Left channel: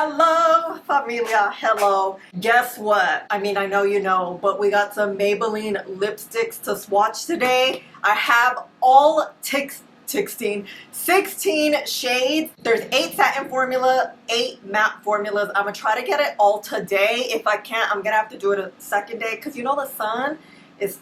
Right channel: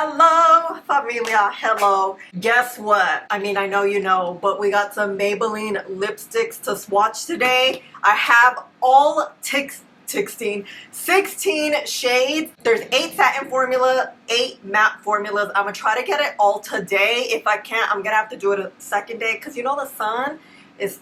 Hello, Familia. Hello. Guess what? I mean, I know you know, but we got some Maybelline lipsticks to swatch today. I have all 16 shades. There's 8 satin formula, 8 matte formulas. I'm gonna try to get it all today. If I can't, I'm gonna have to do it a second day because you know the sun is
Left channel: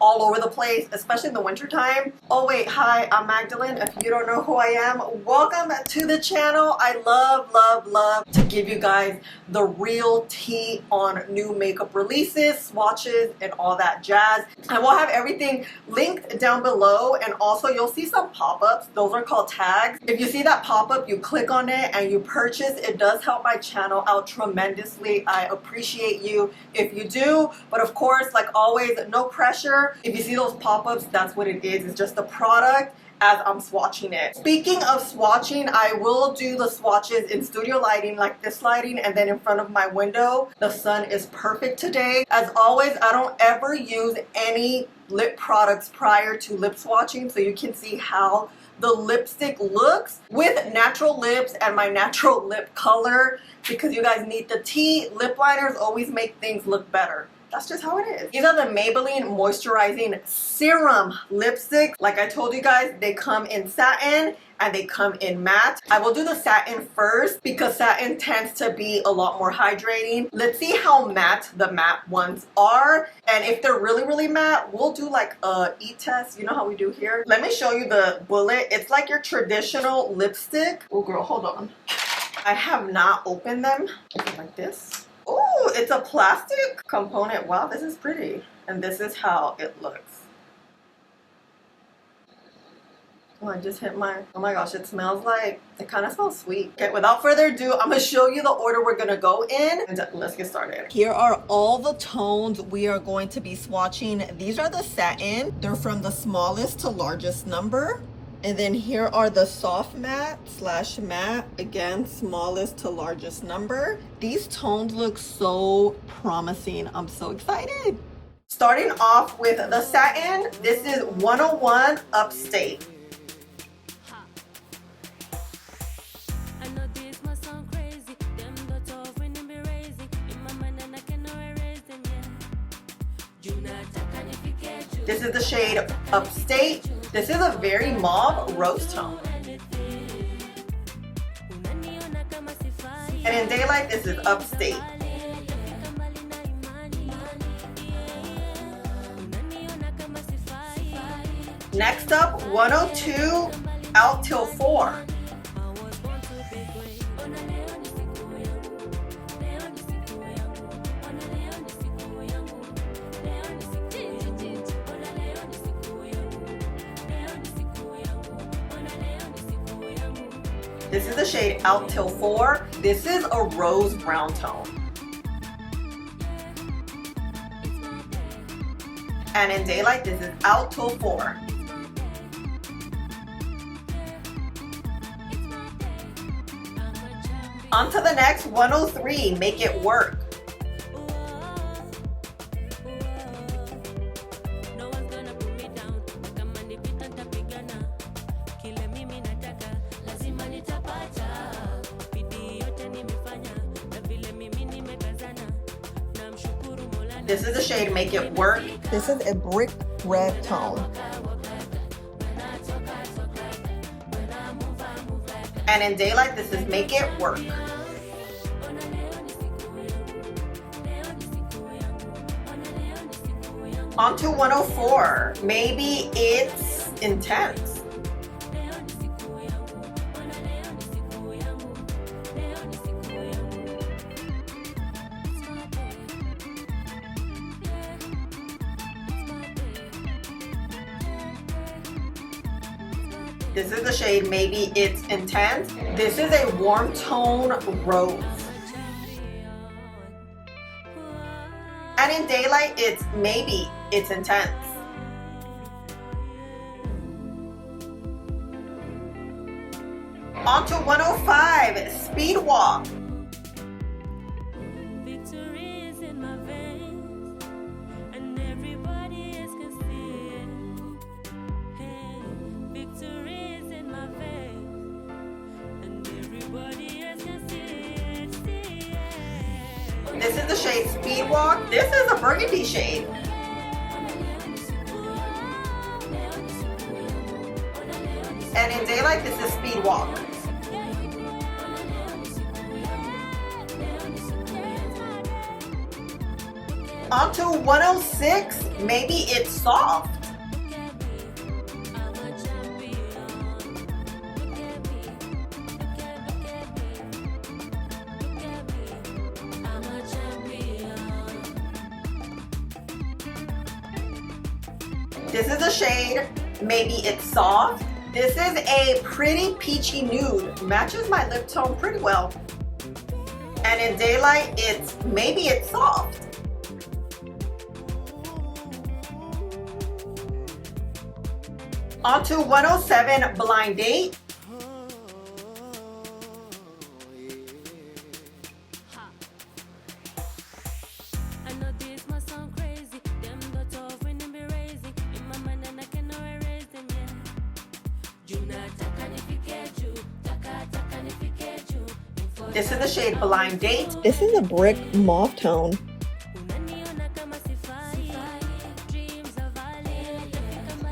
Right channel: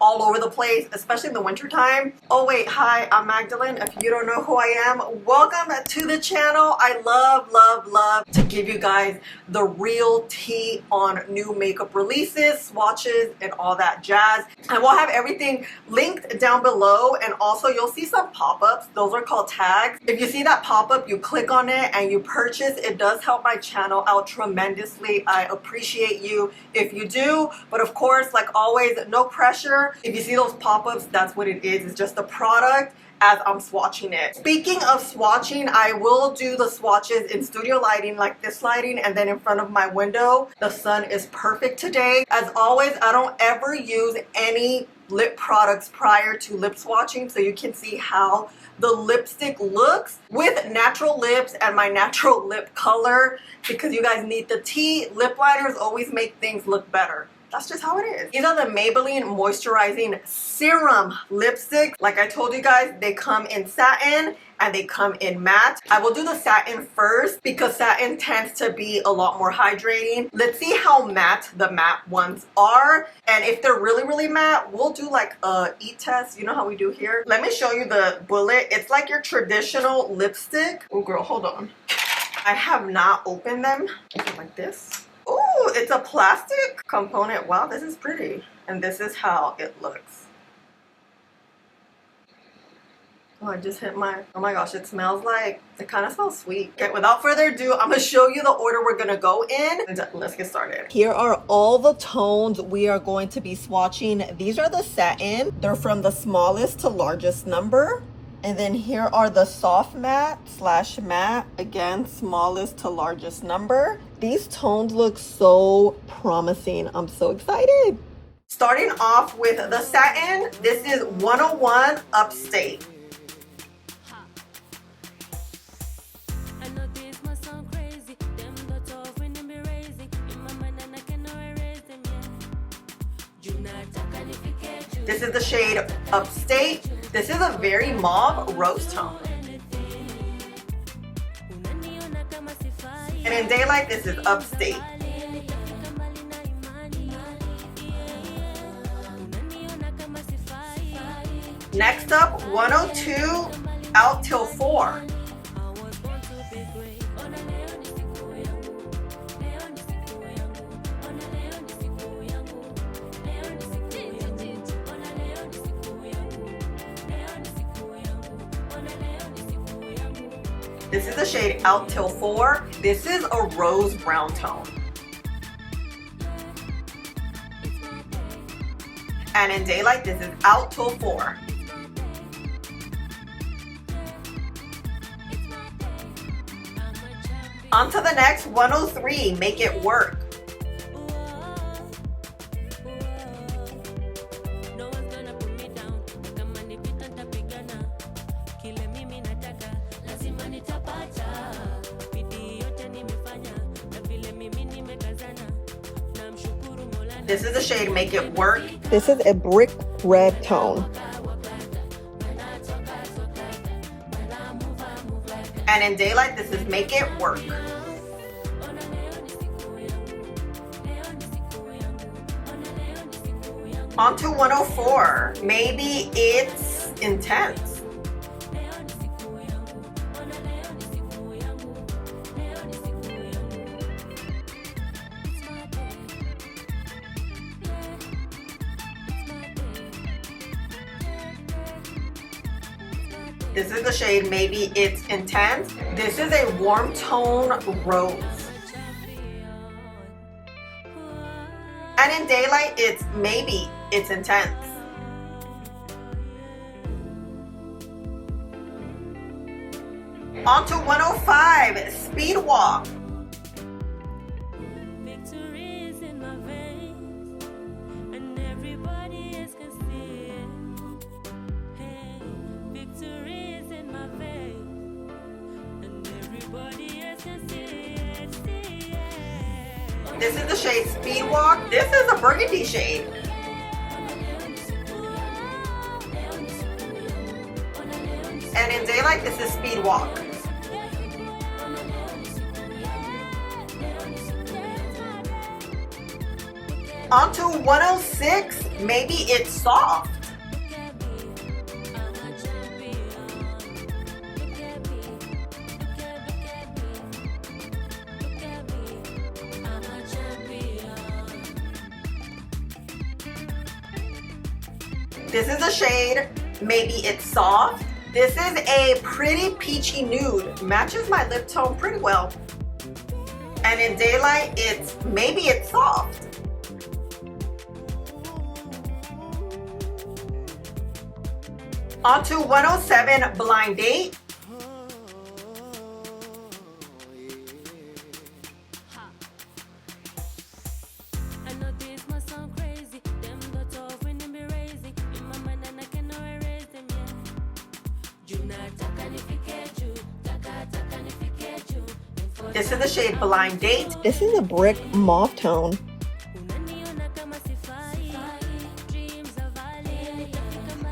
all over the place, especially in the winter time. Oh wait, hi, I'm Magdalene. If you don't know who I am, welcome to the channel. I love to give you guys the real tea on new makeup releases, swatches, and all that jazz. I will have everything linked down below, and also you'll see some pop-ups. Those are called tags. If you see that pop-up, you click on it and you purchase. It does help my channel out tremendously. I appreciate you if you do, but of course, like always, no pressure. If you see those pop-ups, that's what it is. It's just the product as I'm swatching it. Speaking of swatching, I will do the swatches in studio lighting, like this lighting, and then in front of my window. The sun is perfect today. As always, I don't ever use any lip products prior to lip swatching, so you can see how the lipstick looks with natural lips and my natural lip color, because you guys need the tea. Lip liners always make things look better. That's just how it is. These are the Maybelline Moisturizing Serum Lipsticks. Like I told you guys, they come in satin and they come in matte. I will do the satin first because satin tends to be a lot more hydrating. Let's see how matte the matte ones are. And if they're really matte, we'll do like a e-test. You know how we do here? Let me show you the bullet. It's like your traditional lipstick. Oh girl, hold on. I have not opened them. Like this. Oh, it's a plastic component. Wow, this is pretty. And this is how it looks. Oh, I just hit my, oh my gosh, it smells like, it kind of smells sweet. Okay, without further ado, I'm gonna show you the order we're gonna go in. And let's get started. Here are all the tones we are going to be swatching. These are the satin. They're from the smallest to largest number. And then here are the soft matte / matte, again, smallest to largest number. These tones look so promising. I'm so excited. Starting off with the satin, this is 101 Upstate. This is the shade Upstate. This is a very mauve rose tone. And in daylight, this is Upstate. Next up, 102 Out Till 4. This is the shade Out Till 4. This is a rose brown tone. And in daylight, this is Out Till 4. On to the next, 103, Make It Work. This is the shade Make It Work. This is a brick red tone. And in daylight, this is Make It Work. On to 104. Maybe It's Intense. This is the shade Maybe It's Intense. This is a warm tone rose. And in daylight, it's Maybe It's Intense. On to 105, Speed Walk. Victory is in my veins, and everybody else can see it. This is the shade Speed Walk. This is a burgundy shade. And in daylight, this is Speed Walk. Onto 106, maybe it's soft. This is the shade Maybe It's Soft. This is a pretty peachy nude. Matches my lip tone pretty well. And in daylight, it's Maybe It's Soft. Onto 107 Blind Date. This is the shade Blind Date. This is a brick mauve tone.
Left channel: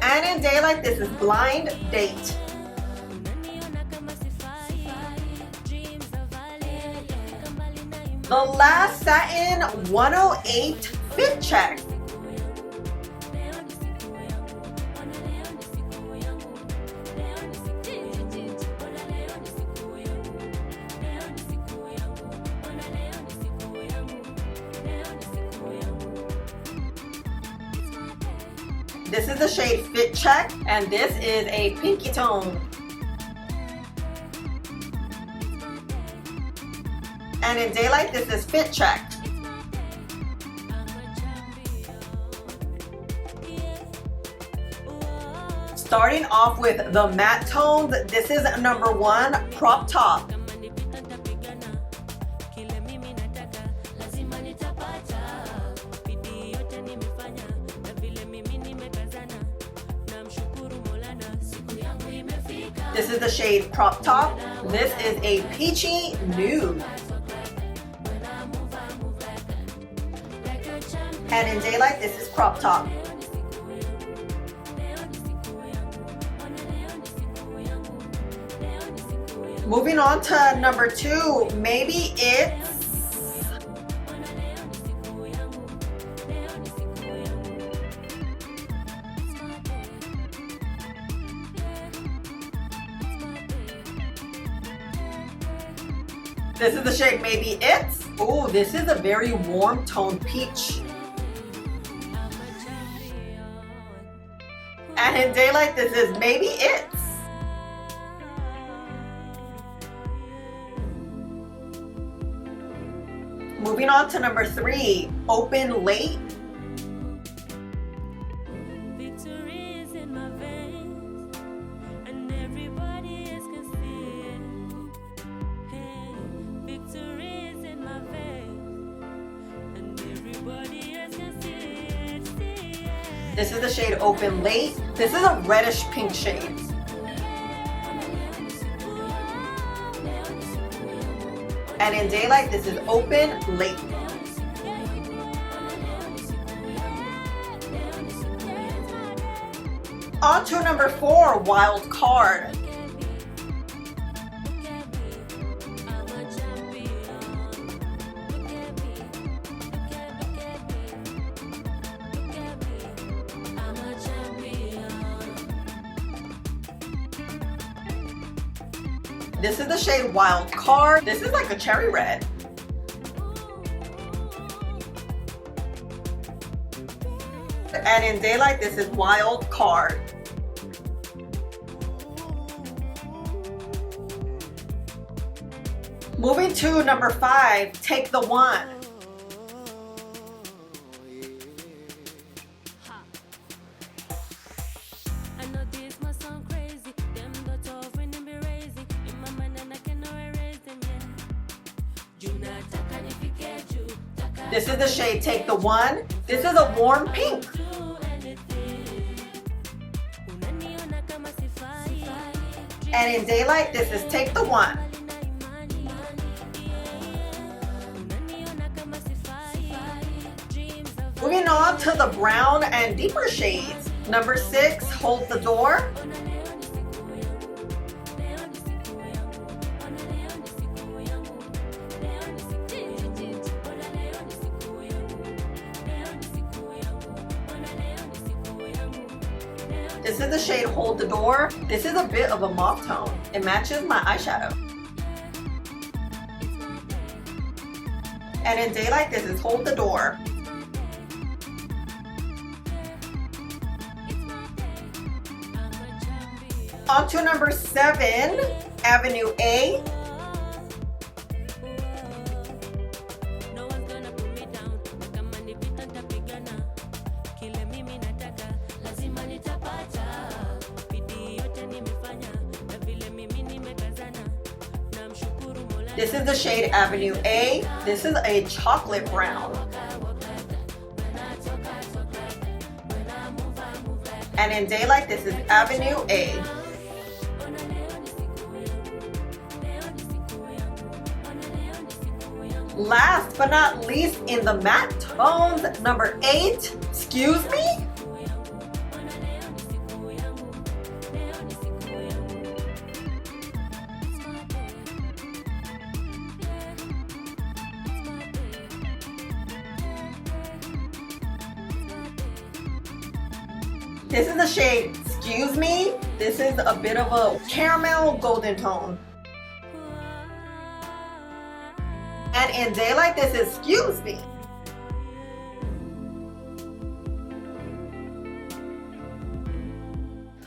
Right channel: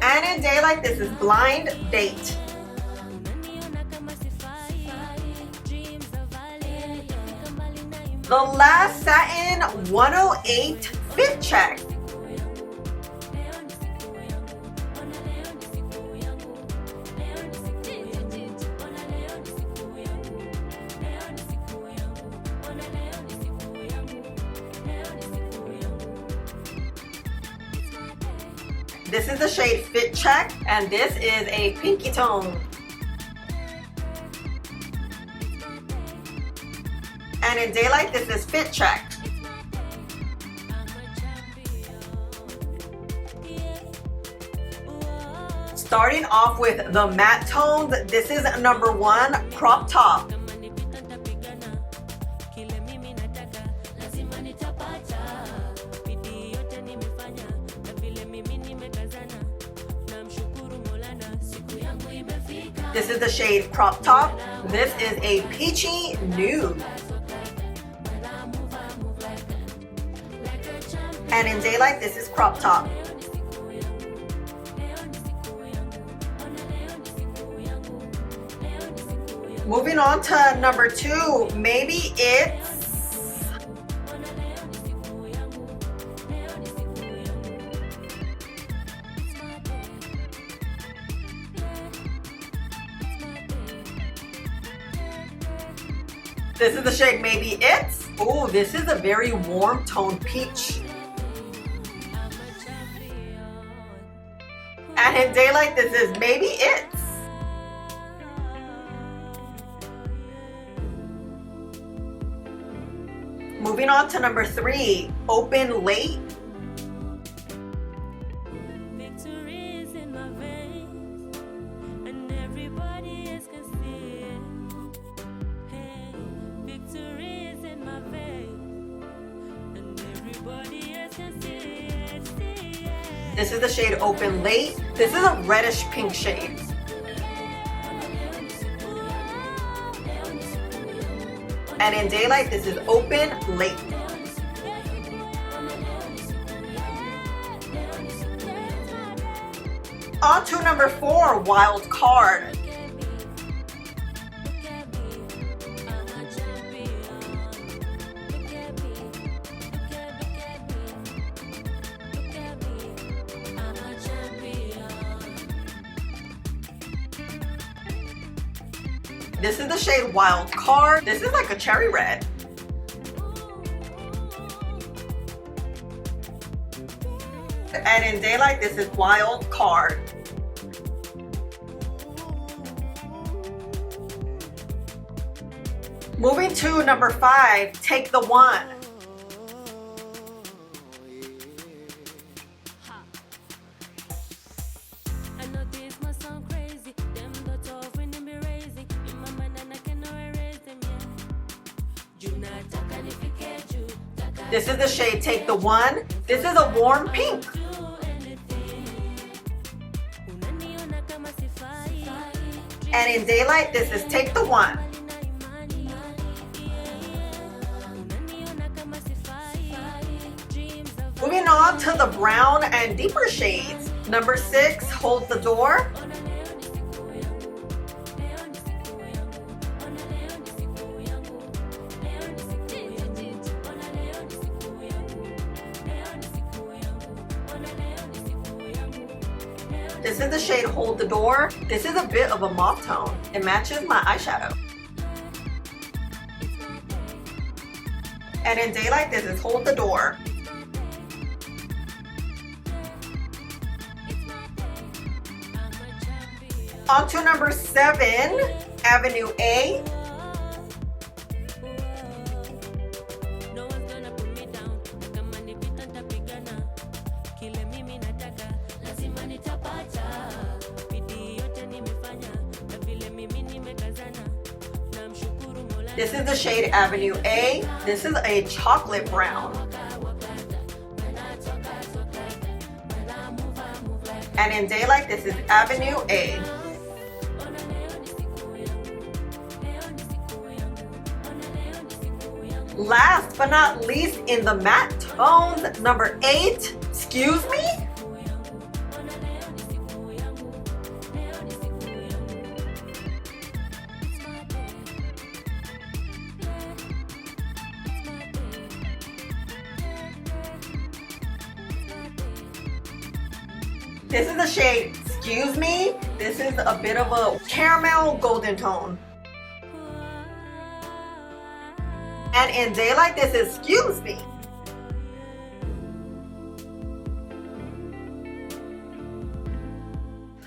And in daylight, this is Blind Date. The last Satin 108 Fit Check. This is the shade Fit Check, and this is a pinky tone. And in daylight, this is Fit Check. Starting off with the matte tones, this is number 1, Crop Top. This is the shade Crop Top. This is a peachy nude. And in daylight, this is Crop Top. Moving on to number 2, Maybe It's This is the shade Maybe It's. Ooh, this is a very warm tone peach. And in daylight, this is Maybe It's. Moving on to number 3, Open Late. This is the shade Open Late. This is a reddish pink shade. And in daylight, this is Open Late. On to number 4, Wild Card. This is the shade Wild Card. This is like a cherry red. And in daylight, this is Wild Card. Moving to number 5, Take the One. This is the shade Take the One. This is a warm pink. And in daylight, this is Take the One. Moving on to the brown and deeper shades. Number 6, Hold the Door. This is the shade Hold the Door. This is a bit of a mauve tone. It matches my eyeshadow. And in daylight, this is Hold the Door. On to number 7, Avenue A. This is the shade Avenue A. This is a chocolate brown. And in daylight, this is Avenue A. Last but not least, in the matte tones, number 8, Excuse Me. This is the shade Excuse Me. This is a bit of a caramel golden tone. And in daylight, this is Excuse Me.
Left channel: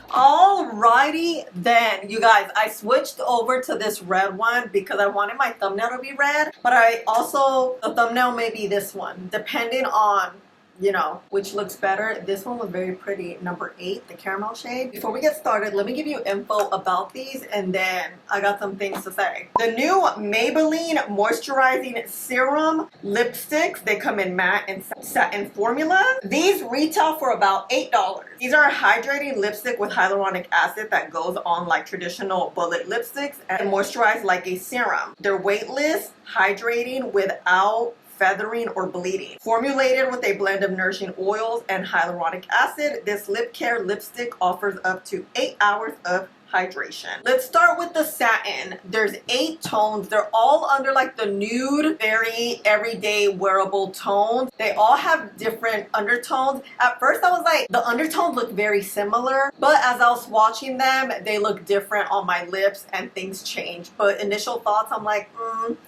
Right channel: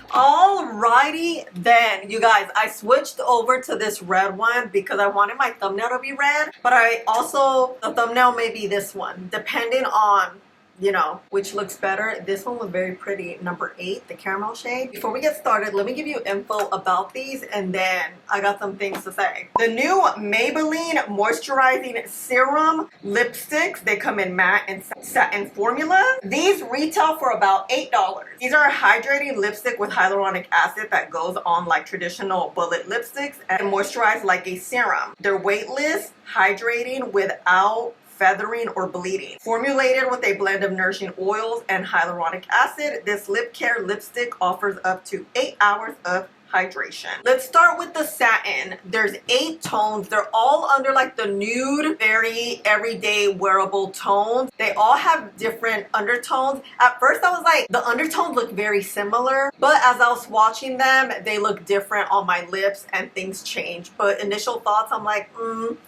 Alrighty then, you guys, I switched over to this red one because I wanted my thumbnail to be red, but the thumbnail may be this one, depending on, you know, which looks better. This one was very pretty, number 8, the caramel shade. Before we get started, let me give you info about these, and then I got some things to say. The new Maybelline Moisturizing Serum Lipsticks, they come in matte and satin formula. These retail for about $8. These are a hydrating lipstick with hyaluronic acid that goes on like traditional bullet lipsticks and moisturize like a serum. They're weightless, hydrating without feathering or bleeding. Formulated with a blend of nourishing oils and hyaluronic acid, this lip care lipstick offers up to 8 hours of hydration. Let's start with the satin. There's 8 tones. They're all under like the nude, very everyday wearable tones. They all have different undertones. At first I was like, the undertones look very similar, but as I was swatching them, they look different on my lips and things change. But initial thoughts, I'm like,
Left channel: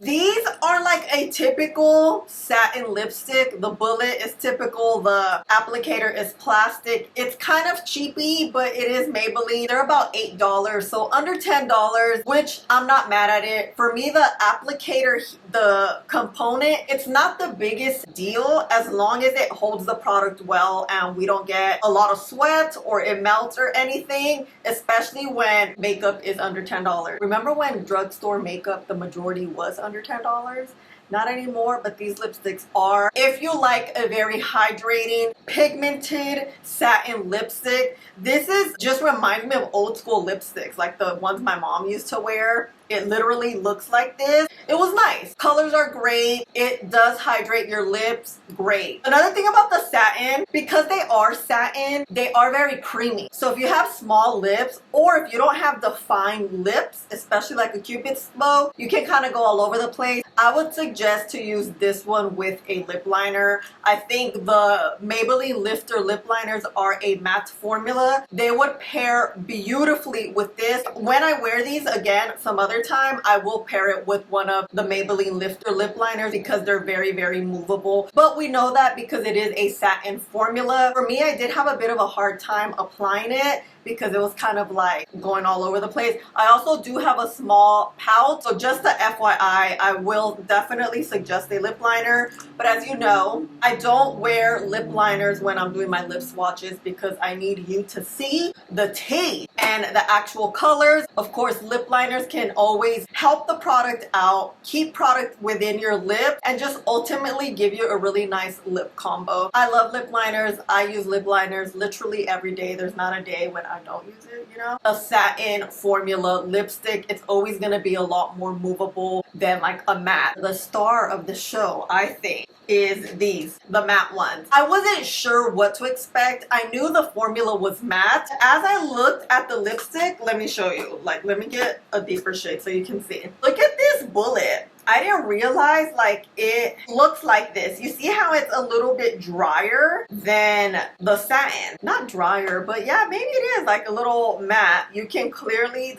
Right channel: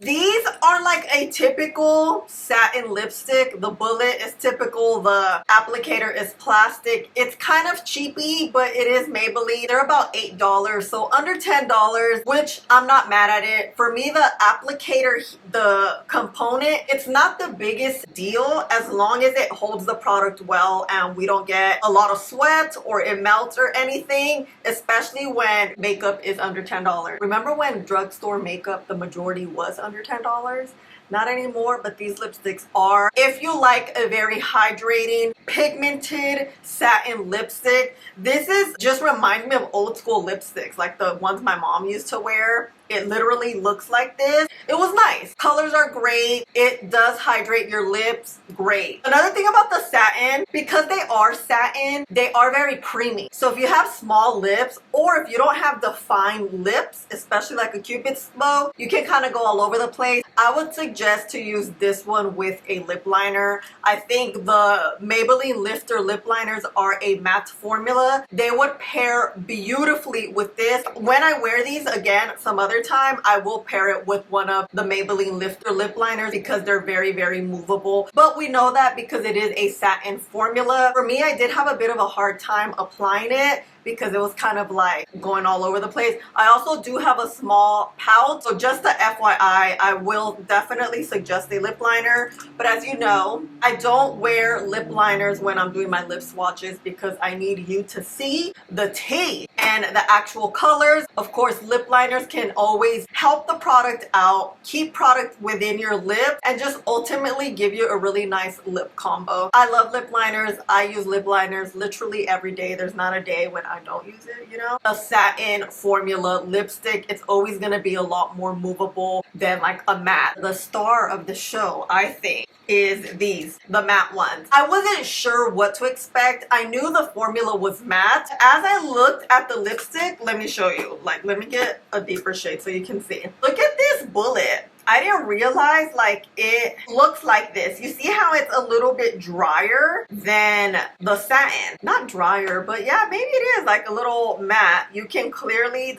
These are like a typical satin lipstick. The bullet is typical. The applicator is plastic. It's kind of cheapy, but it is Maybelline. They're about $8. So under $10, which I'm not mad at it. For me, the applicator, the component, it's not the biggest deal as long as it holds the product well and we don't get a lot of sweat or it melts or anything, especially when makeup is under $10. Remember when drugstore makeup, the majority was under $10? Not anymore, but these lipsticks are. If you like a very hydrating, pigmented satin lipstick, this is just reminds me of old school lipsticks, like the ones my mom used to wear. It literally looks like this. It was nice. Colors are great. It does hydrate your lips. Great. Another thing about the satin, because they are satin, they are very creamy. So if you have small lips or if you don't have defined lips, especially like a Cupid's bow, you can kind of go all over the place. I would suggest to use this one with a lip liner. I think the Maybelline Lifter lip liners are a matte formula. They would pair beautifully with this. When I wear these again some other time, I will pair it with one of the Maybelline Lifter lip liners because they're very, very movable. But we know that because it is a satin formula. For me, I did have a bit of a hard time applying it because it was kind of like going all over the place. I also do have a small pout, so just the FYI, I will definitely suggest a lip liner. But as you know, I don't wear lip liners when I'm doing my lip swatches because I need you to see the tea and the actual colors. Of course, lip liners can always help the product out, keep product within your lip, and just ultimately give you a really nice lip combo. I love lip liners. I use lip liners literally every day. There's not a day when I don't use it, you know? A satin formula lipstick, it's always gonna be a lot more movable than like a matte. The star of the show, I think, is these, the matte ones. I wasn't sure what to expect. I knew the formula was matte. As I looked at the lipstick, let me show you. Like, let me get a deeper shade so you can see. Look at this bullet. I didn't realize like it looks like this. You see how it's a little bit drier than the satin? Not drier, but yeah, maybe it is like a little matte. You can clearly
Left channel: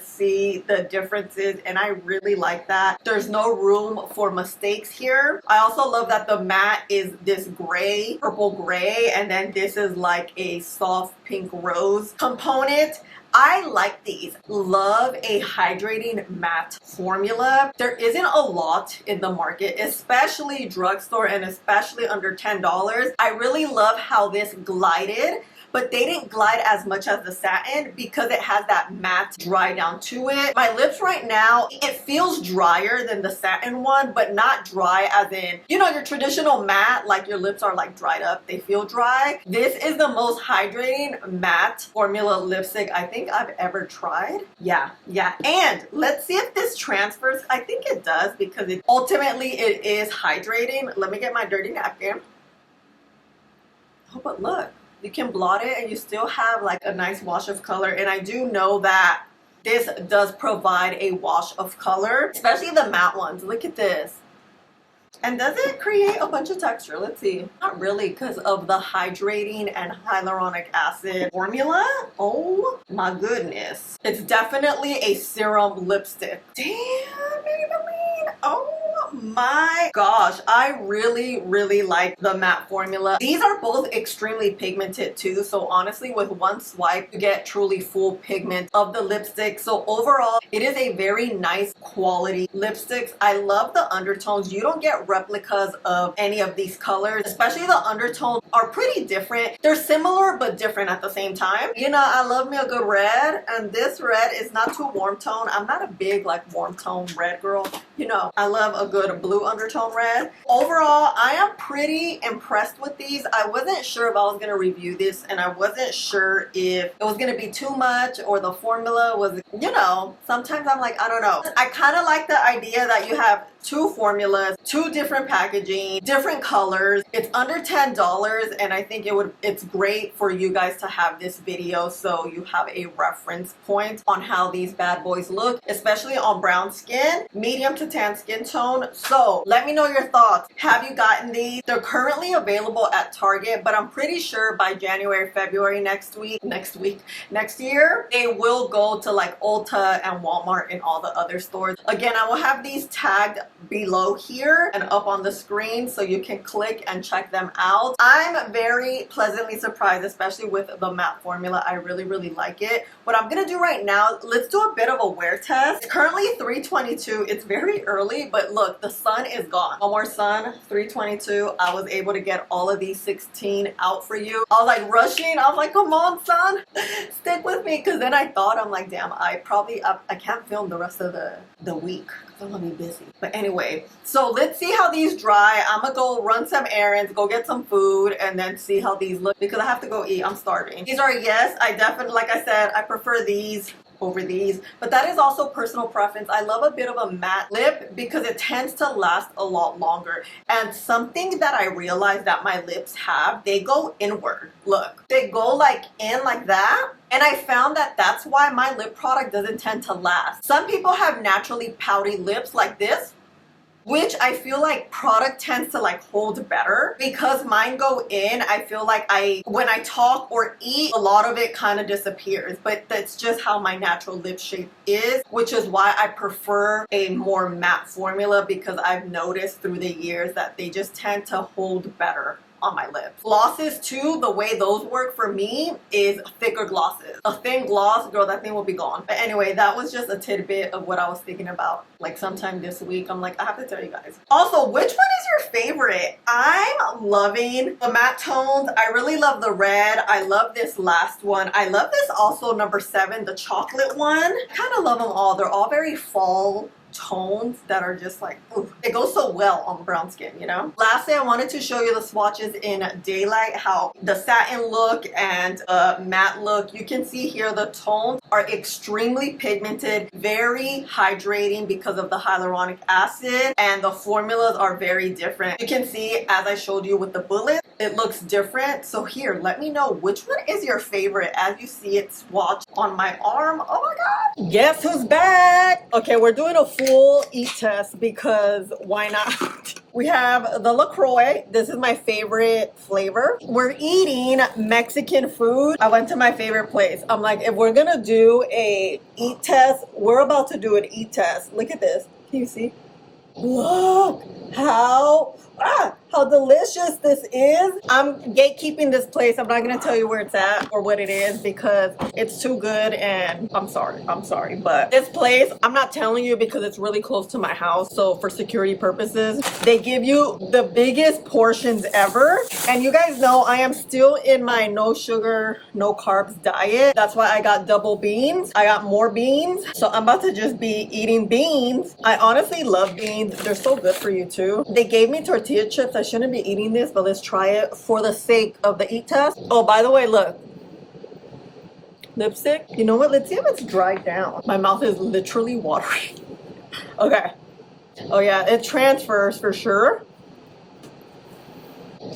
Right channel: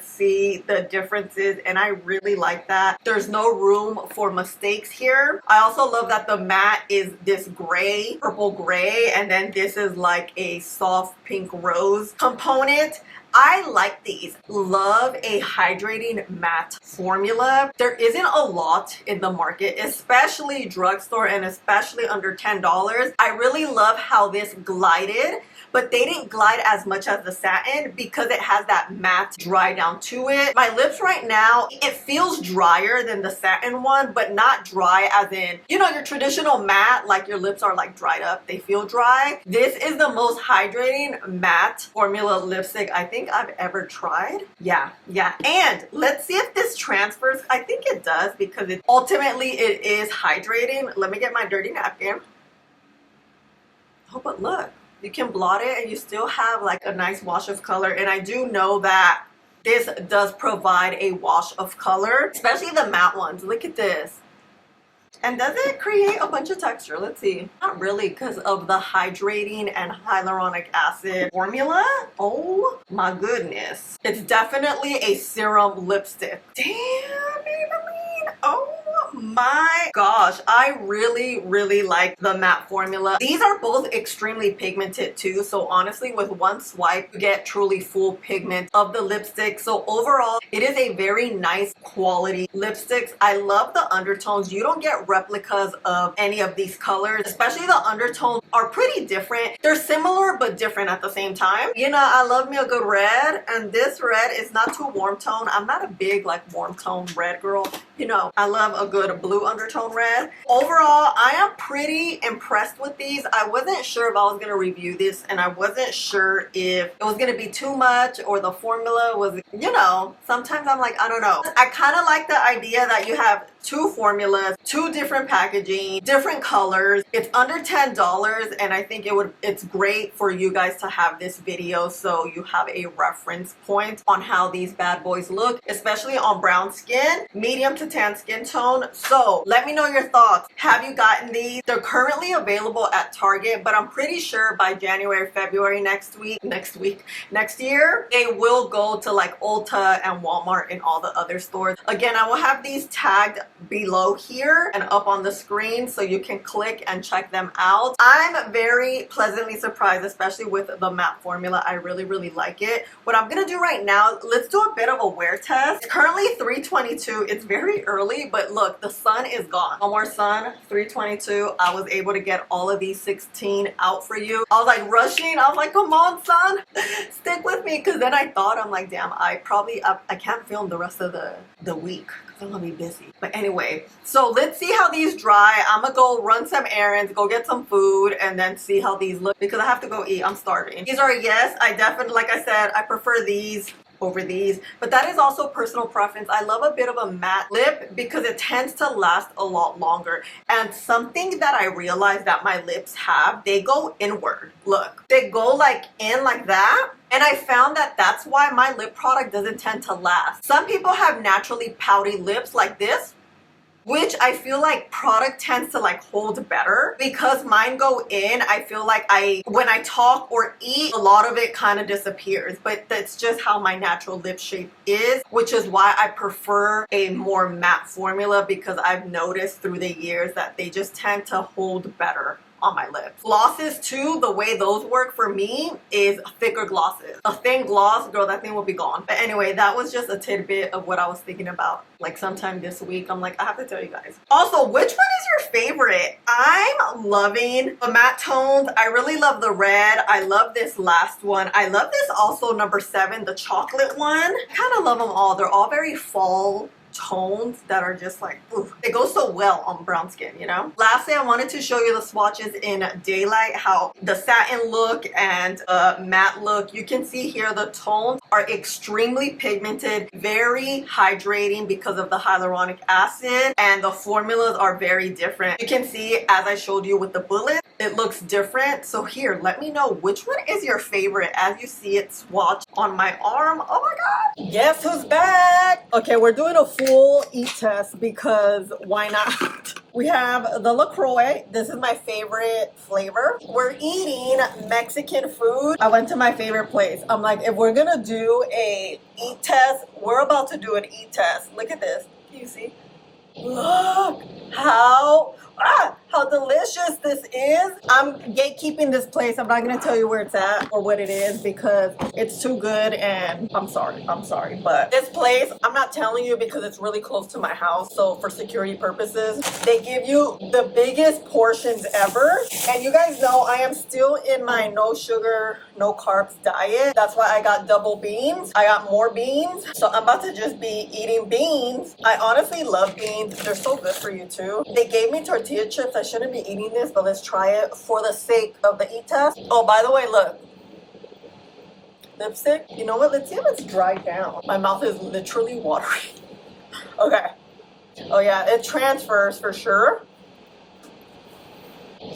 see the differences, and I really like that. There's no room for mistakes here. I also love that the matte is this gray, purple gray, and then this is like a soft pink rose component. I like these. Love a hydrating matte formula. There isn't a lot in the market, especially drugstore and especially under $10. I really love how this glided, but they didn't glide as much as the satin because it has that matte dry down to it. My lips right now, it feels drier than the satin one, but not dry as in, you know, your traditional matte, like your lips are like dried up, they feel dry. This is the most hydrating matte formula lipstick I think I've ever tried. Yeah. And let's see if this transfers. I think it does because ultimately it is hydrating. Let me get my dirty napkin. Oh, but look. You can blot it and you still have like a nice wash of color. And I do know that this does provide a wash of color, especially the matte ones. Look at this. And does it create a bunch of texture? Let's see. Not really, because of the hydrating and hyaluronic acid formula. Oh my goodness. It's definitely a serum lipstick. Damn, Maybelline. Oh my gosh, I really like the matte formula. These are both extremely pigmented too, so honestly with one swipe you get truly full pigment of the lipstick. So overall it is a very nice quality lipsticks. I love the undertones. You don't get replicas of any of these colors, especially the undertones are pretty different. They're similar but different at the same time. You know, I love me a good red, and this red is not too warm tone. I'm not a big like warm tone red girl. You know, I love a good blue undertone red. Overall, I am pretty impressed with these. I wasn't sure if I was going to review this, and I wasn't sure if it was going to be too much or the formula was, you know, sometimes I'm like, I don't know. I kind of like the idea that you have two formulas, two different packaging, different colors. It's under $10, and I think it's great for you guys to have this video so you have a reference point on how these bad boys look, especially on brown skin, medium to tan skin tone. So let me know your thoughts. Have you gotten these? They're currently available at Target, but I'm pretty sure by January, February next year, they will go to like Ulta and Walmart and all the other stores. Again, I will have these tagged below here and up on the screen so you can click and check them out. I'm very pleasantly surprised, especially with the matte formula. I really like it. What I'm gonna do right now, let's do a bit of a wear test. It's currently 3:22. It's very early, but look, the sun is gone. No more sun. 3:22. I was able to get all of these 16 out for you. I was like rushing. I was like, come on, sun, stick with me, because then I thought, I'm like, damn, I can't film the rest of the week. I'm gonna be busy. But anyway, so let's see how these dry. I'm gonna go run some errands, go get some food, and then see how these look because I have to go eat. I'm starving. These are, yes, I definitely, like I said, I prefer these over these, but that is also personal preference. I love a bit of a matte lip because it tends to last a lot longer. And something that I realized that my lips have, they go inward. Look, they go like in like that. And I found that that's why my lip product doesn't tend to last. Some people have naturally pouty lips like this, which I feel like product tends to like hold better. Because mine go in, I feel like when I talk or eat, a lot of it kind of disappears. But that's just how my natural lip shape is, which is why I prefer a more matte formula, because I've noticed through the years that they just tend to hold better on my lips. Glosses too, the way those work for me is thicker glosses. A thin gloss, girl, that thing will be gone. But anyway, that was just a tidbit of what I was thinking about like sometime this week. I'm like, I have to tell you guys. Also, which one is your favorite? I'm loving the matte tones. I really love the red. I love this last one. I love this also, number 7, the chocolate one. I kind of love them all. They're all very fall tones that are just like, ooh, it goes so well on brown skin, you know? Lastly, I wanted to show you the swatches in daylight, how the satin look and matte look. You can see here the tones are extremely pigmented, very hydrating because of the hyaluronic acid, and the formulas are very different. You can see, as I showed you with the bullet, it looks different. So here, let me know which one is your favorite as you see it swatched on my arm. Oh my god, guess who's back? Okay, we're doing a full eat test because why not? We have the LaCroix. This is my favorite flavor. We're eating Mexican food. I went to my favorite place. I'm like, if we're gonna do a eat test, we're about to do an eat test. Look at this. Can you see? Look how delicious this is. I'm gatekeeping this place. I'm not gonna tell you where it's at or what it is because it's too good, and I'm sorry, but this place, I'm not telling you because it's really close to my house, so for security purposes, they give you the biggest portions ever. And you guys know I am still in my no sugar, no carbs diet. That's why I got double beans. I got more beans, so I'm about to just be eating beans. I honestly love beans. They're so good for you too. They gave me tortilla chips. I shouldn't be eating this, but let's try it for the sake of the eat test. Oh, by the way, look. Lipstick. You know what? Let's see if it's dried down. My mouth is literally watering. Okay. Oh yeah, it transfers for sure.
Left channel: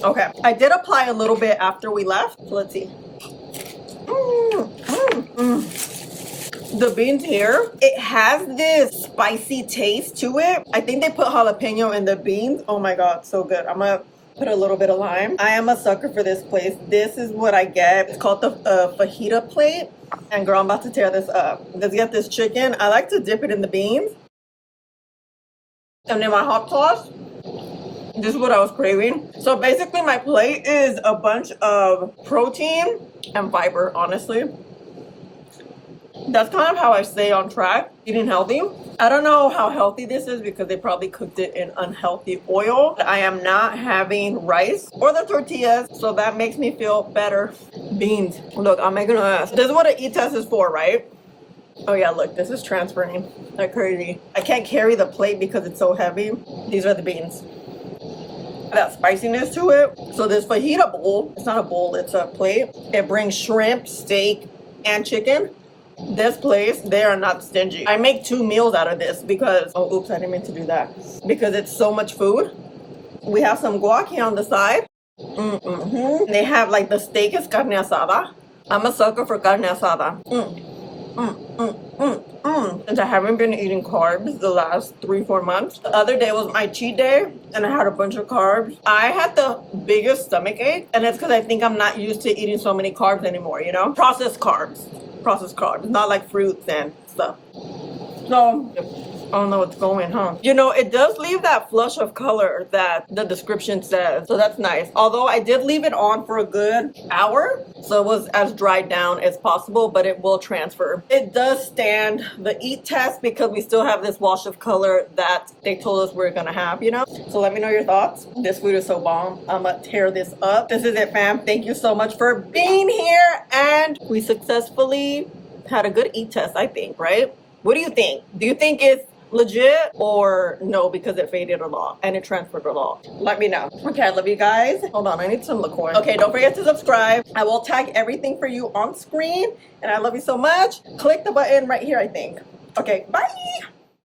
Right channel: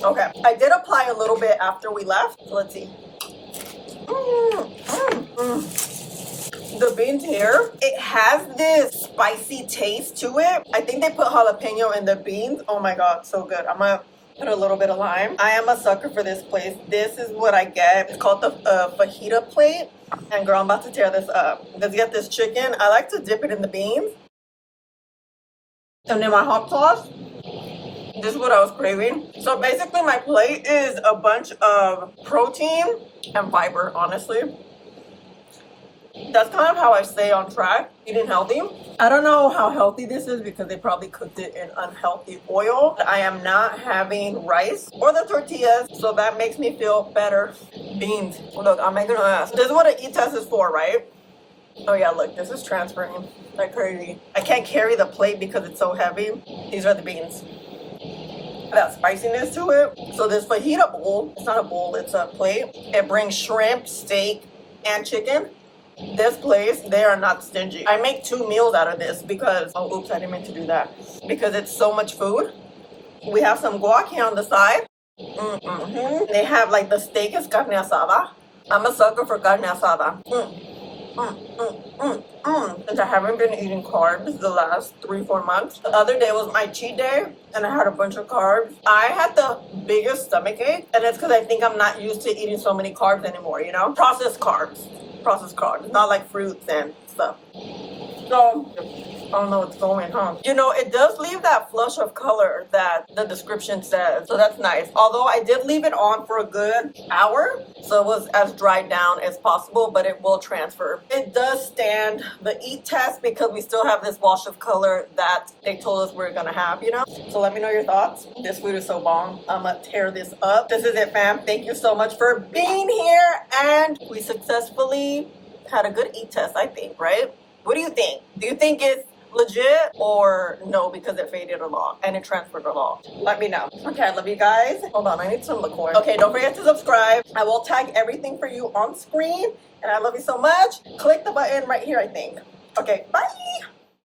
Okay. I did apply a little bit after we left. So let's see. The beans here, it has this spicy taste to it. I think they put jalapeno in the beans. Oh my god, so good. I'm gonna put a little bit of lime. I am a sucker for this place. This is what I get. It's called the fajita plate. And girl, I'm about to tear this up. Let's get this chicken. I like to dip it in the beans. And then my hot sauce. This is what I was craving. So basically my plate is a bunch of protein and fiber, honestly. That's kind of how I stay on track, eating healthy. I don't know how healthy this is because they probably cooked it in unhealthy oil. I am not having rice or the tortillas, so that makes me feel better. Beans. Look, I'm making a mess. This is what an eat test is for, right? Oh yeah, look, this is transferring like crazy. I can't carry the plate because it's so heavy. These are the beans. That spiciness to it. So this fajita bowl, it's not a bowl, it's a plate. It brings shrimp, steak, and chicken. This place, they are not stingy. I make 2 meals out of this because, oh, oops, I didn't mean to do that. Because it's so much food. We have some guac here on the side. They have like the steak is carne asada. I'm a sucker for carne asada. Since I haven't been eating carbs the last 3-4 months. The other day was my cheat day and I had a bunch of carbs. I had the biggest stomach ache, and it's because I think I'm not used to eating so many carbs anymore, you know? Processed carbs, not like fruits and stuff. So I don't know what's going, huh? You know, it does leave that flush of color that the description says, so that's nice. Although I did leave it on for a good hour, so it was as dried down as possible, but it will transfer. It does stand the eat test because we still have this wash of color that they told us we're gonna have, you know? So let me know your thoughts. This food is so bomb. I'm gonna tear this up. This is it, fam. Thank you so much for being here, and we successfully had a good eat test, I think, right? What do you think? Do you think it's legit or no because it faded a lot and it transferred a lot? Let me know. Okay, I love you guys. Hold on, I need some liqueur. Okay, don't forget to subscribe. I will tag everything for you on screen, and I love you so much. Click the button right here, I think. Okay, bye.